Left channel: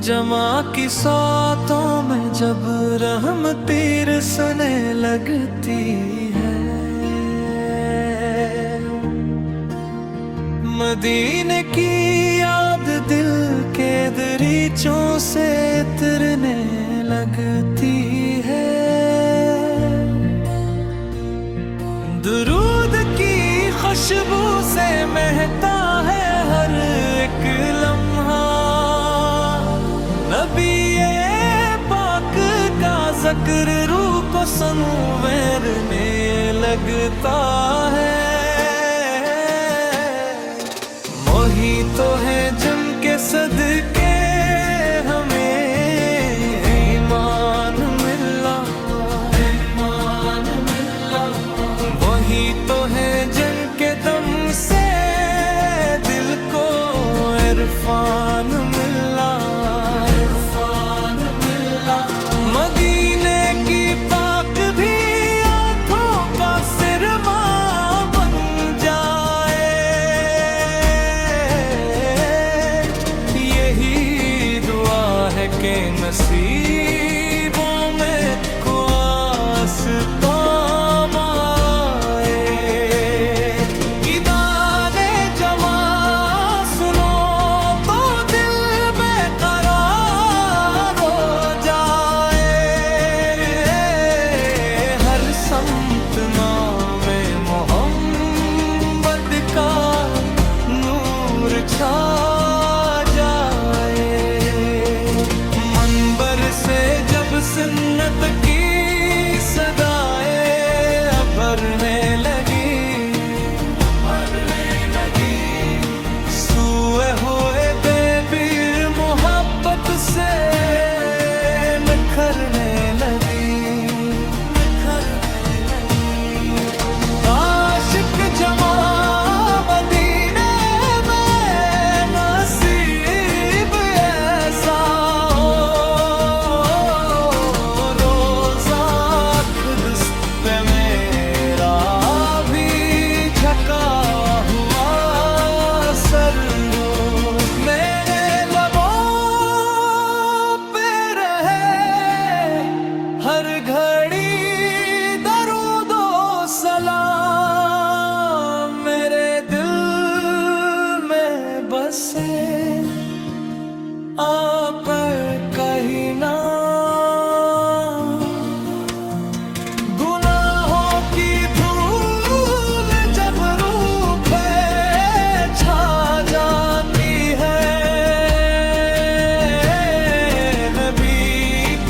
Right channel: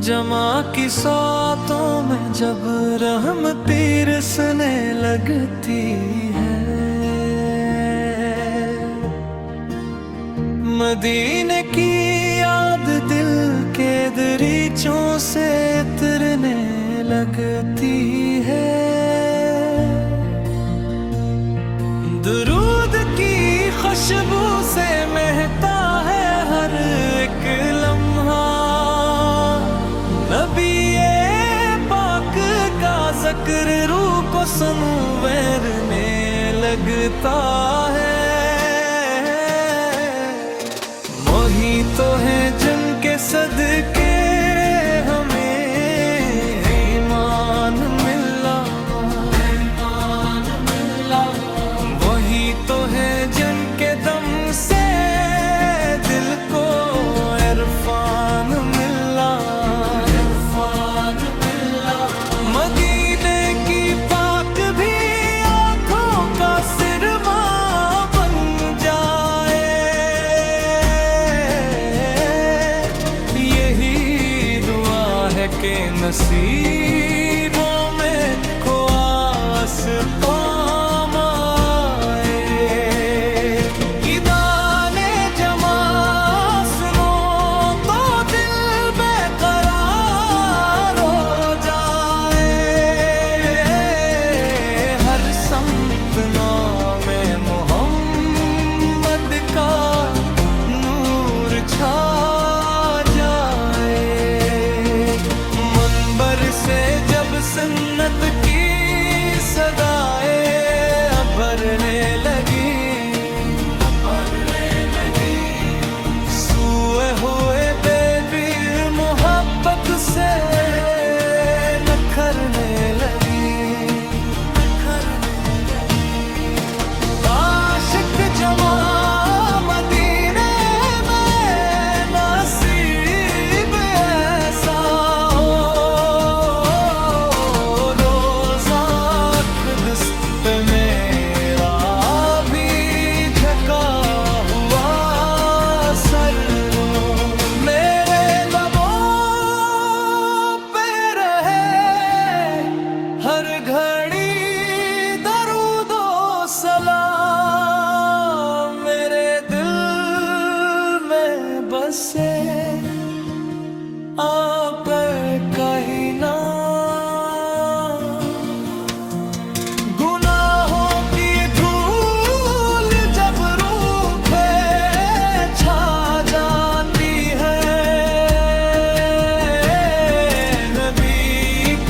जमा की सातों में जब रहम तीर सने लगती है, मदीने की याद दिल के दरीचों से उतरने लगती है। दुरूद की खुशबू से महकता है हर एक लम्हा, नबी पाक का जिक्र रूह को संवरने लगता है। वही तो है जिनके सदके हमें ईमान मिला, वही तो है जिनके दम से दिल को इरफान मिला। मदीने की पाक भी आँखों का सिरमा बन जाए, यही दुआ है कि नसीबों में को आसपाम आए। इदाने जमा सुनो तो दिल बेकरार हो जाए, हर समत नामे मोहम्मद का नूर छा जाए। मंबर से जब सुन्नत की सदाए भरने लगी, सूए हुए बेबी मोहब्बत से नखरने लगी। आशिक जमा मदीने में नसीब ऐसा हो, रोज़ा क़ुद्स पे मेरा भी झका हुआ सर रो। मेरे लबों पे रहे हर घड़ी दरूदो सलाम, मेरे दिल में बसे आप कहीं ना। गुनाहों की धूल जब रूह पे छा जाती है, नबी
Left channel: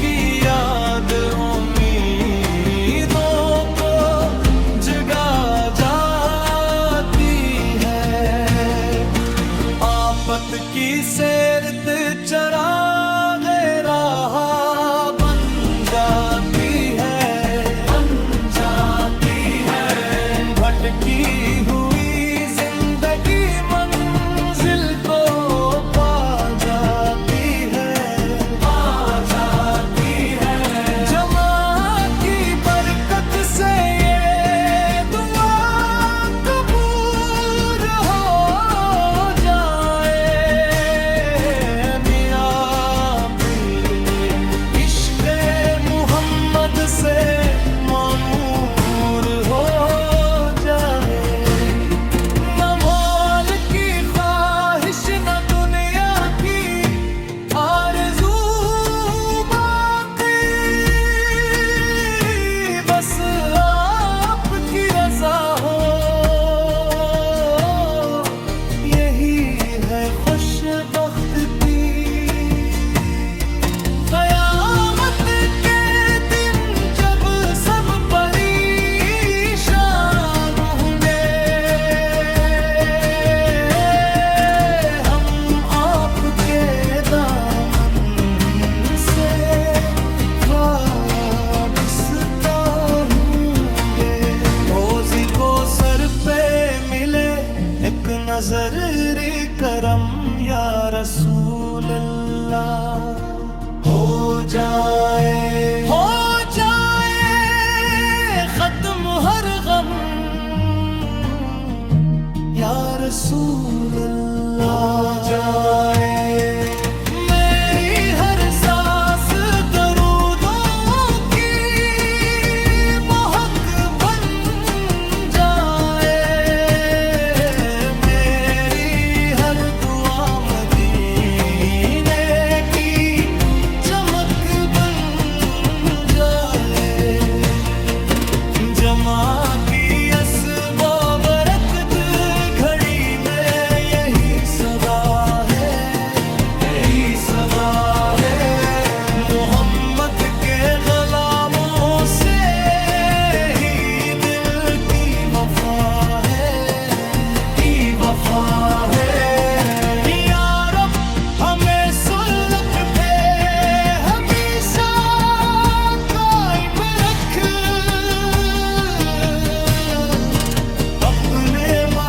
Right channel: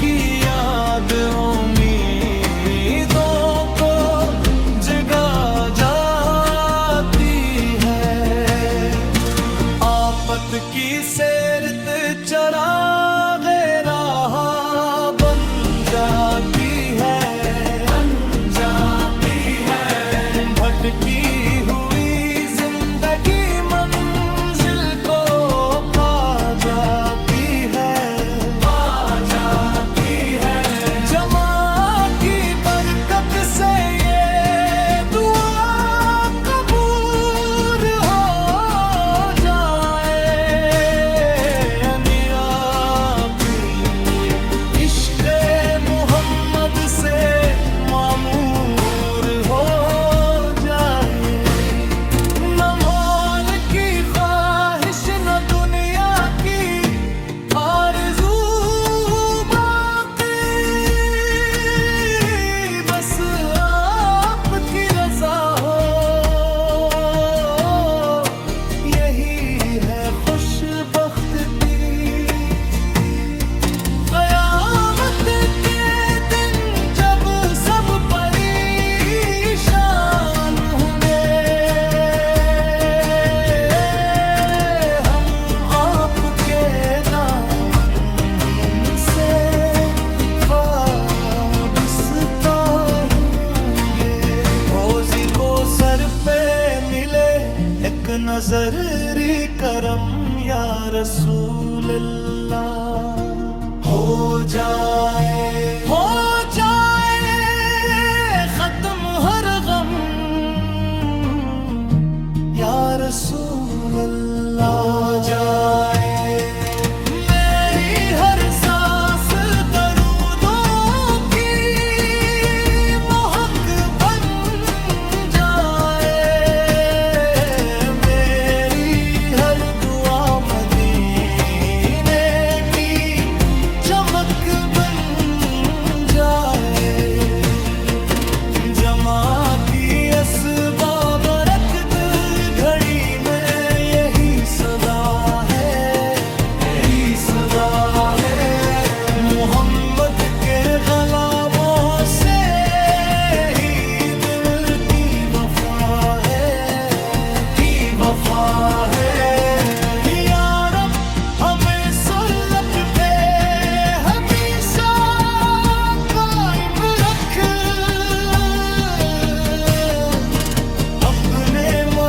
की याद उम्मीदों को जगा जाती है। आफत की सेरत चरागे राह बन जाती है, भटकी हुई जिंदगी मंजिल को पा जाती है। जमा की बरकत से ये दुआ कबूल हो जाए, मेरा पीर इश्क़े मोहम्मद से मामूर हो जाए। न मोल की ख्वाहिश न दुनिया की आरज़ू बाकी, बस आपकी रज़ा हो, यही है खुशबख्ती। क़यामत के दिन जब सब परेशान होंगे, हम आपके दामन से वाबस्ता होंगे। रोज़ी को सर पे मिले एक नजरी करम या रसूल अल्लाह, हो जाए खत्म हर गम या रसूल अल्लाह। मेरी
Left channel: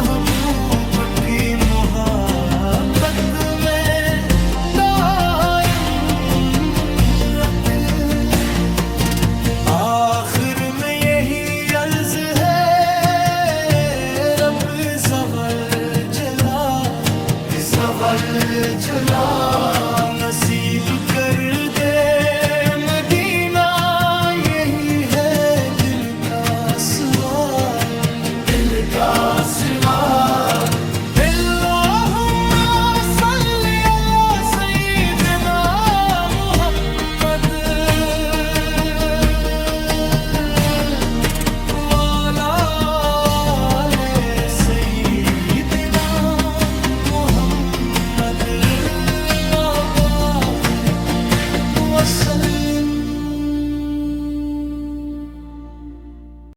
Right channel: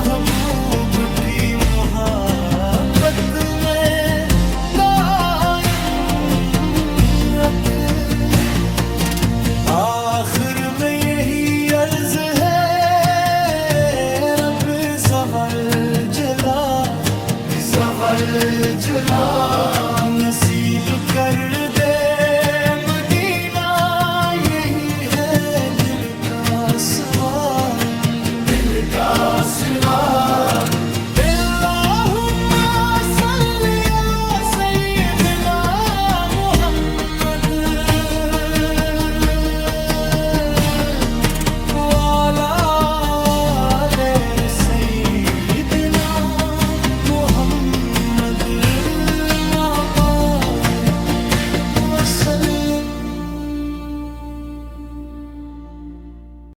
महबूब की मोहब्बत में दायम रख। आखिर में यही अर्ज है रब ज़वल जला नसीब कर दे मदीना